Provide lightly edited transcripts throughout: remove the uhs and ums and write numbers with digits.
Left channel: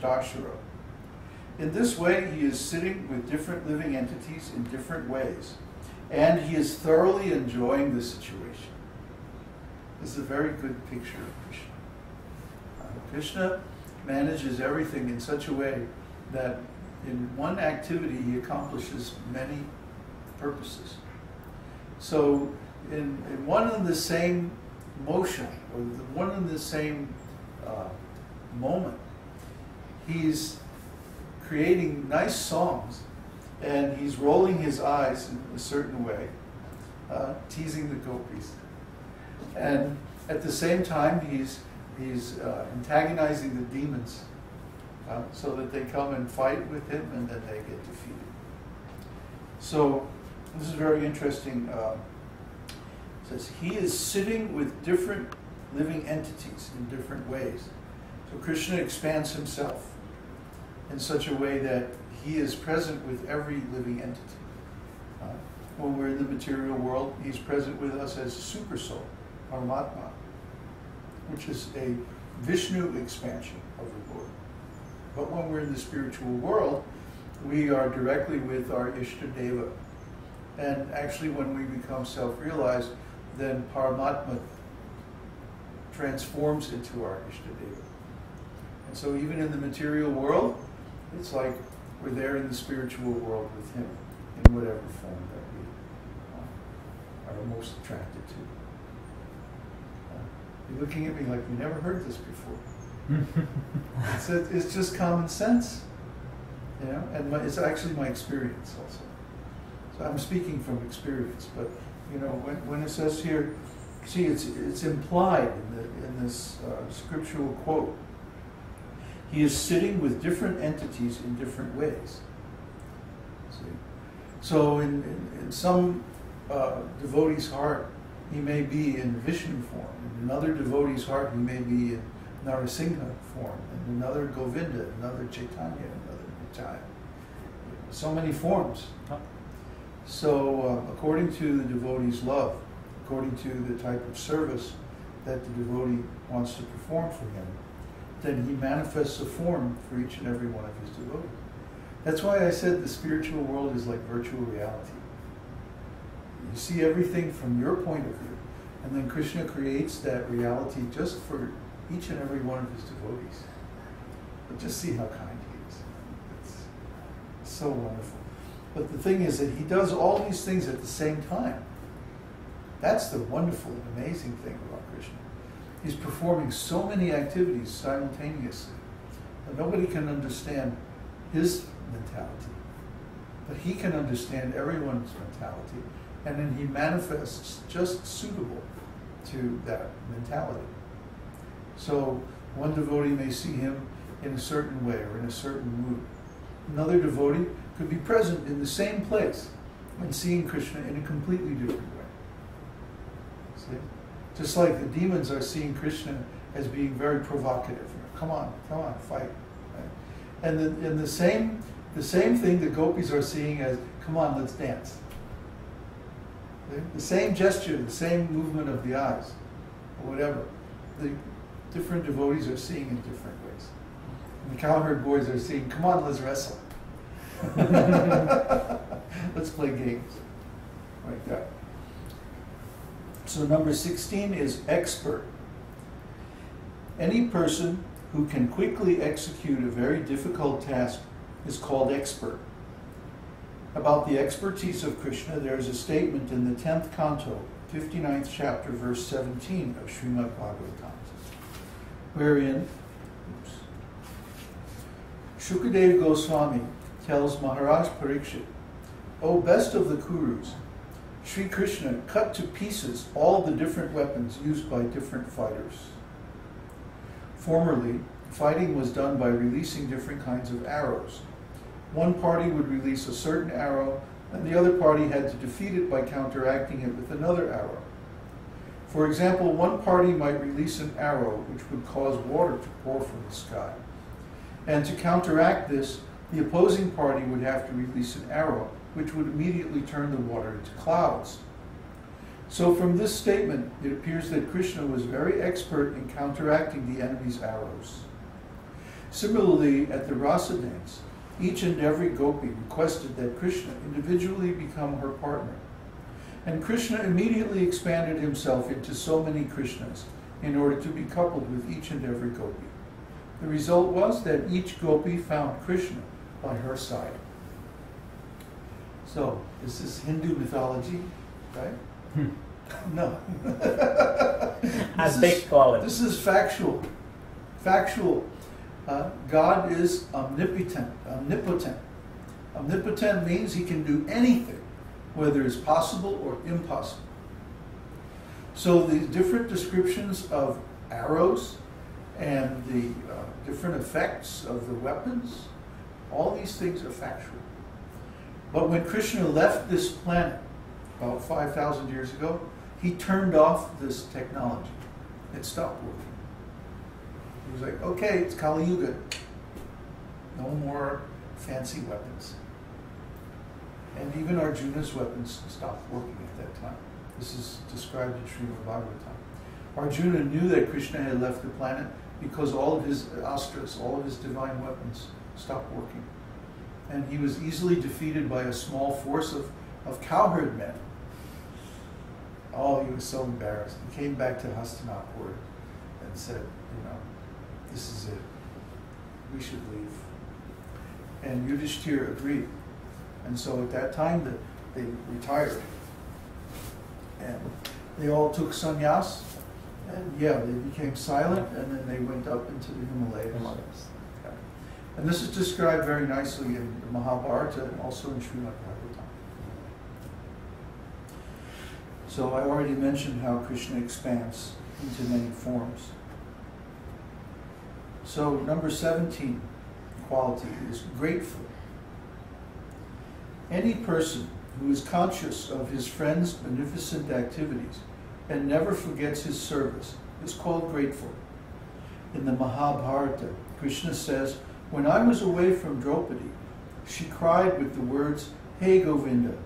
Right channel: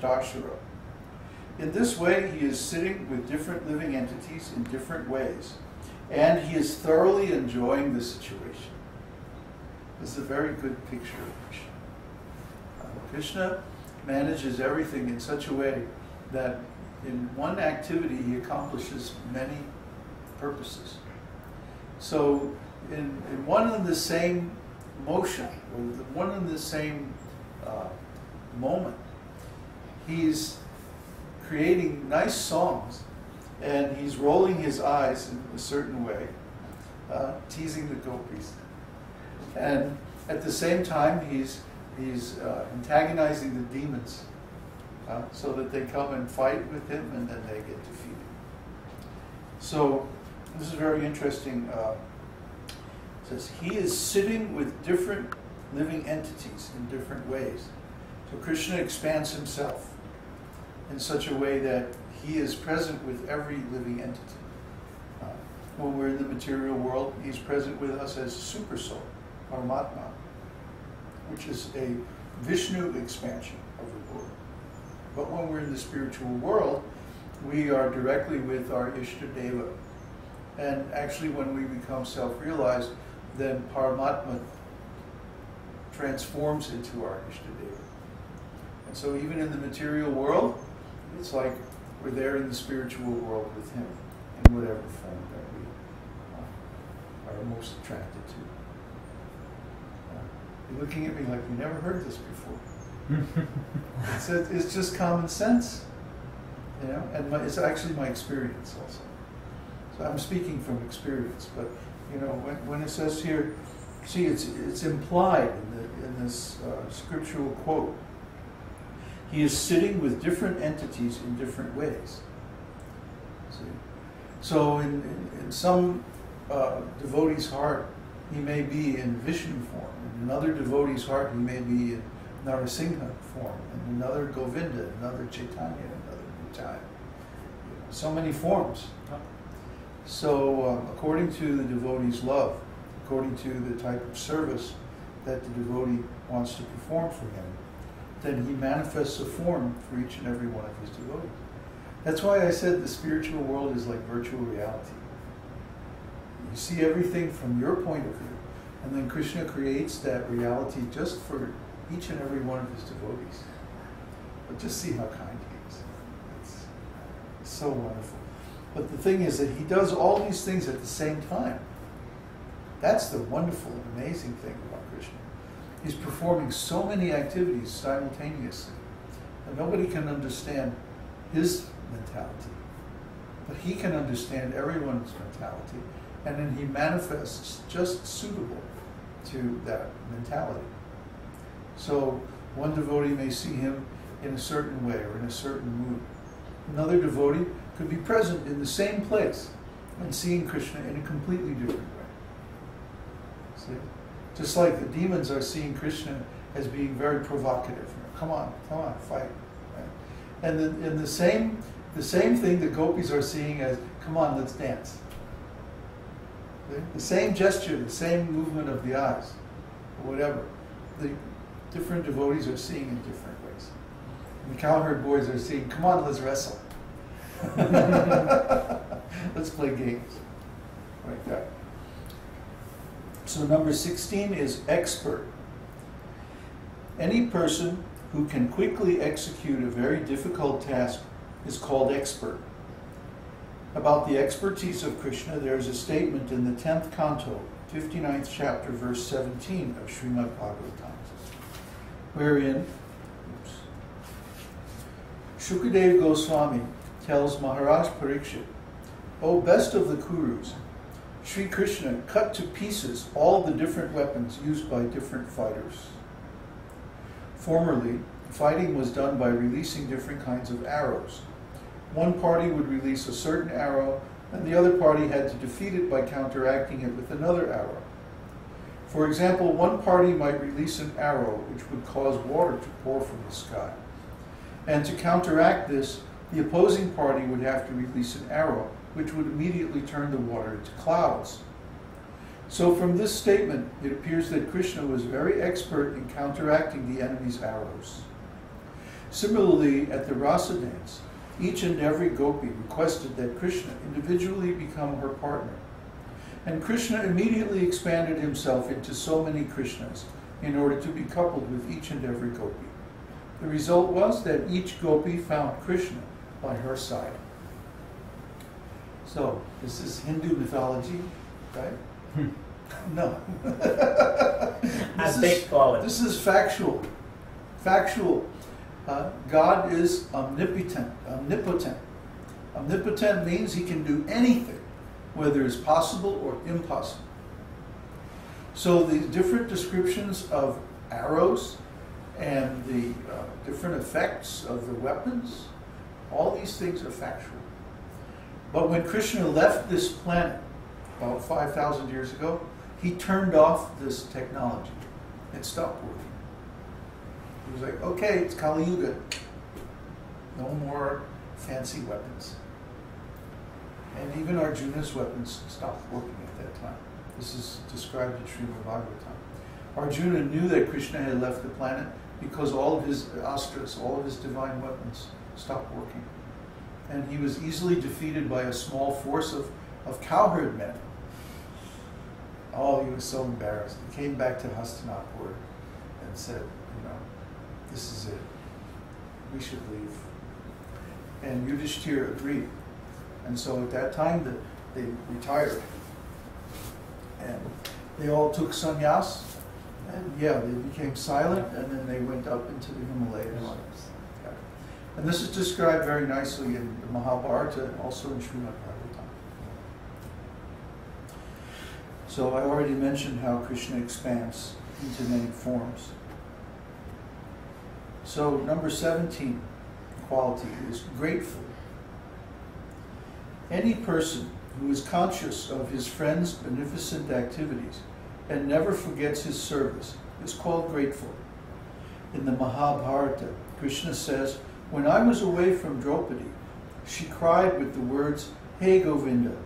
Svashtashara. In this way, he is sitting with different living entities in different ways, and he is thoroughly enjoying the situation. This is a very good picture of Krishna. Krishna manages everything in such a way that in one activity he accomplishes many purposes. So in one and the same motion, or the one and the same moment, he's creating nice songs, and he's rolling his eyes in a certain way, teasing the gopis. And at the same time, he's antagonizing the demons so that they come and fight with him, and then they get defeated. So this is very interesting. It says, he is sitting with different living entities in different ways. So Krishna expands himself in such a way that he is present with every living entity. When we're in the material world, he's present with us as Super Soul, Paramatma, which is a Vishnu expansion of the Lord. But when we're in the spiritual world, we are directly with our Ishtadeva. And actually when we become self-realized, then Paramatma transforms into our Ishtadeva. And so even in the material world, it's like we're there in the spiritual world with him, in whatever form that we are most attracted to. You're looking at me like you never heard this before. It's just common sense, you know, and it's actually my experience also. So I'm speaking from experience, but you know, when it says here, see, it's implied in this scriptural quote. He is sitting with different entities in different ways. See, so in some devotee's heart, he may be in Vishnu form. In another devotee's heart, he may be in Narasingha form. In another Govinda, another Caitanya, another Nitai. So many forms. So according to the devotee's love, according to the type of service that the devotee wants to perform for him, then he manifests a form for each and every one of his devotees. That's why I said the spiritual world is like virtual reality. You see everything from your point of view, and then Krishna creates that reality just for each and every one of his devotees. But just see how kind he is. It's so wonderful. But the thing is that he does all these things at the same time. That's the wonderful and amazing thing about Krishna. He's performing so many activities simultaneously that nobody can understand his mentality. But he can understand everyone's mentality, and then he manifests just suitable to that mentality. So one devotee may see him in a certain way or in a certain mood. Another devotee could be present in the same place and seeing Krishna in a completely different way. See? Just like the demons are seeing Krishna as being very provocative. Come on, fight. Right? And the same thing the gopis are seeing as, come on, let's dance. See? The same gesture, the same movement of the eyes, or whatever. The different devotees are seeing in different ways. And the cowherd boys are seeing, come on, let's wrestle. Let's play games. Like that. So number 16 is expert. Any person who can quickly execute a very difficult task is called expert. About the expertise of Krishna, there is a statement in the 10th canto, 59th chapter, verse 17 of Śrīmad-Bhāgavatam, wherein Shukadeva Goswami tells Maharaj Parikshit, O best of the Kurus, Śrī Kṛṣṇa cut to pieces all the different weapons used by different fighters. Formerly, fighting was done by releasing different kinds of arrows. One party would release a certain arrow, and the other party had to defeat it by counteracting it with another arrow. For example, one party might release an arrow which would cause water to pour from the sky. And to counteract this, the opposing party would have to release an arrow which would immediately turn the water into clouds. So from this statement, it appears that Krishna was very expert in counteracting the enemy's arrows. Similarly, at the rasa dance, each and every gopi requested that Krishna individually become her partner. And Krishna immediately expanded himself into so many Krishnas in order to be coupled with each and every gopi. The result was that each gopi found Krishna by her side. So, this is Hindu mythology, right? No. As they call it. This is factual. Factual. God is omnipotent. Omnipotent means he can do anything, whether it's possible or impossible. So the different descriptions of arrows and the different effects of the weapons, all these things are factual. But when Krishna left this planet about 5,000 years ago, he turned off this technology. It stopped working. He was like, okay, it's Kali Yuga. No more fancy weapons. And even Arjuna's weapons stopped working at that time. This is described in Śrīmad-Bhāgavatam. Arjuna knew that Krishna had left the planet because all of his astras, all of his divine weapons, stopped working. And he was easily defeated by a small force of cowherd men. Oh, he was so embarrassed. He came back to Hastinapur and said, this is it. We should leave. And Yudhishthira agreed. And so at that time, they retired. And they all took sannyas. And yeah, they became silent, and then they went up into the Himalayas. Yeah. And this is described very nicely in the Mahabharata and also in Śrīmad-Bhāgavatam. So I already mentioned how Krishna expands into many forms. So number 17 quality is grateful. Any person who is conscious of his friend's beneficent activities and never forgets his service is called grateful. In the Mahabharata, Krishna says, "When I was away from Draupadi, she cried with the words, 'Hey Govinda.'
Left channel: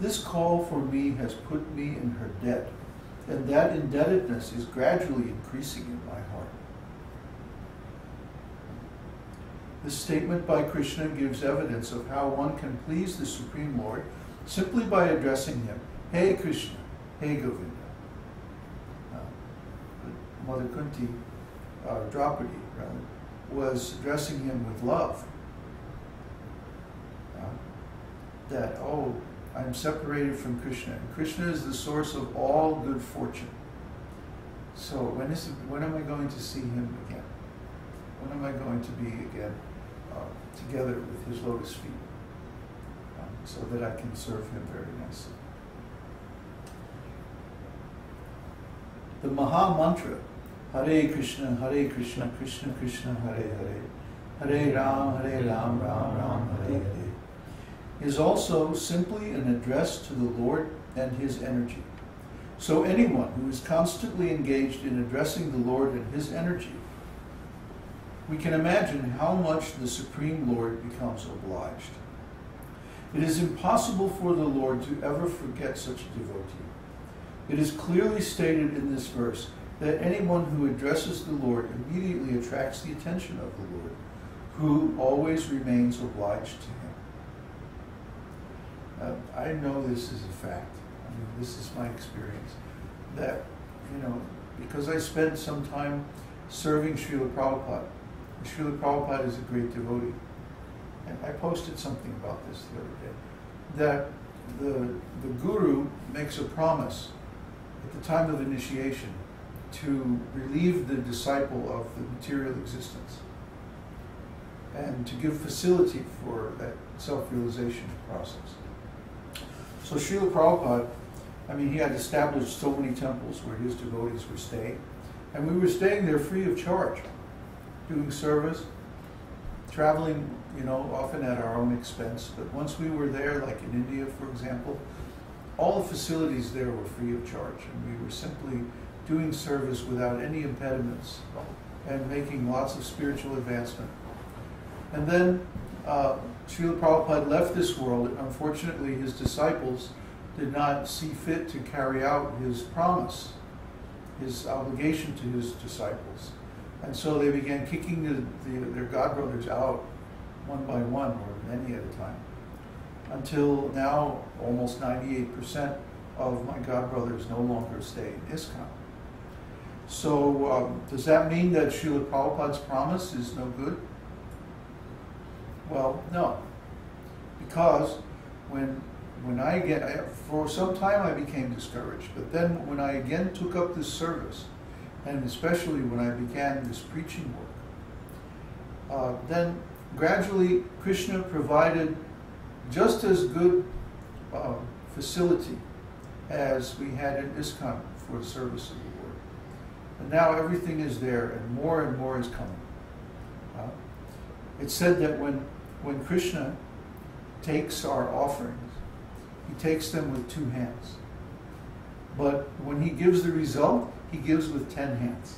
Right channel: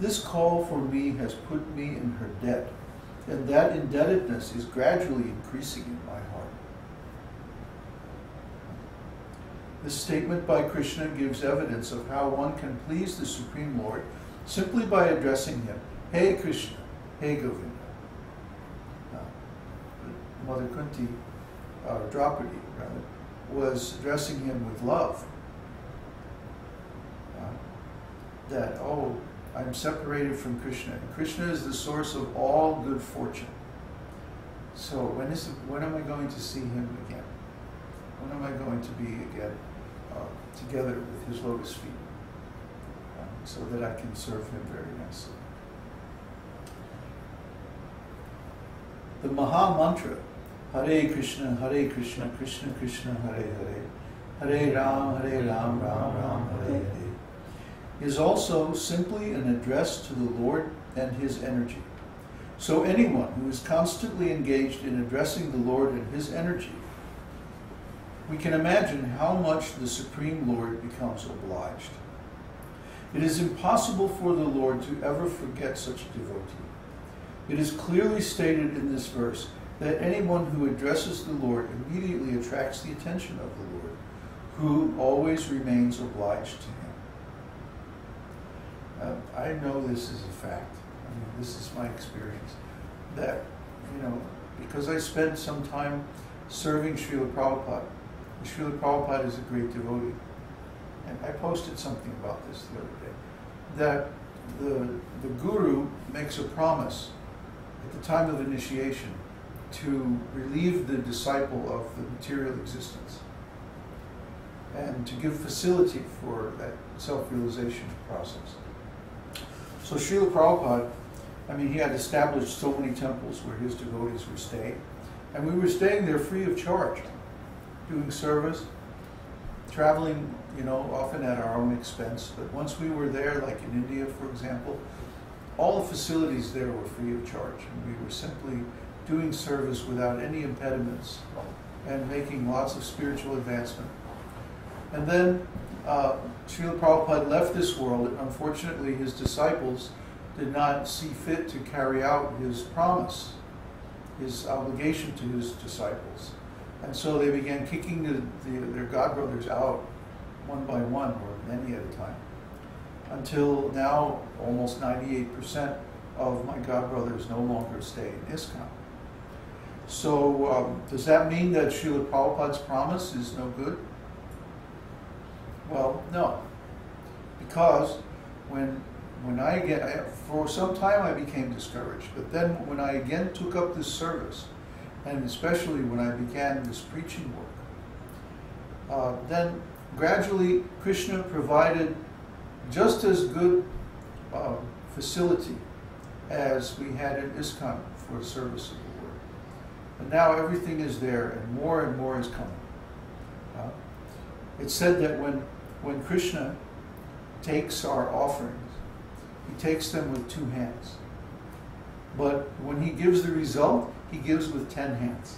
This call for me has put me in her debt, and that indebtedness is gradually increasing in my heart." This statement by Krishna gives evidence of how one can please the Supreme Lord simply by addressing him, "Hey Krishna, hey Govinda." Mother Kunti, Draupadi rather, was addressing him with love. That, oh, I'm separated from Krishna, and Krishna is the source of all good fortune. So when am I going to see him again? When am I going to be again together with his lotus feet, so that I can serve him very nicely? The Maha Mantra, Hare Krishna, Krishna Krishna, Hare Hare, Hare Ram, Ram Ram, Hare Hare, is also simply an address to the Lord and his energy. So anyone who is constantly engaged in addressing the Lord and his energy, we can imagine how much the Supreme Lord becomes obliged. It is impossible for the Lord to ever forget such a devotee. It is clearly stated in this verse that anyone who addresses the Lord immediately attracts the attention of the Lord, who always remains obliged to him. I know this is a fact. I mean, this is my experience. That, because I spent some time serving Srila Prabhupada. Srila Prabhupada is a great devotee. And I posted something about this the other day. That the guru makes a promise at the time of initiation to relieve the disciple of the material existence and to give facility for that self-realization process. So Srila Prabhupada, he had established so many temples where his devotees were staying, and we were staying there free of charge, doing service, traveling, often at our own expense. But once we were there, like in India, for example, all the facilities there were free of charge, and we were simply doing service without any impediments and making lots of spiritual advancement. And then Srila Prabhupada left this world, and unfortunately his disciples did not see fit to carry out his promise, his obligation to his disciples. And so they began kicking their godbrothers out one by one, or many at a time, until now almost 98% of my godbrothers no longer stay in ISKCON. So does that mean that Srila Prabhupada's promise is no good? Well, no. Because for some time I became discouraged, but then when I again took up this service, and especially when I began this preaching work, then gradually Krishna provided just as good facility as we had in ISKCON for the service of the Lord. And now everything is there, and more is coming. It's said that when Krishna takes our offerings, he takes them with 2 hands. But when he gives the result, he gives with 10 hands.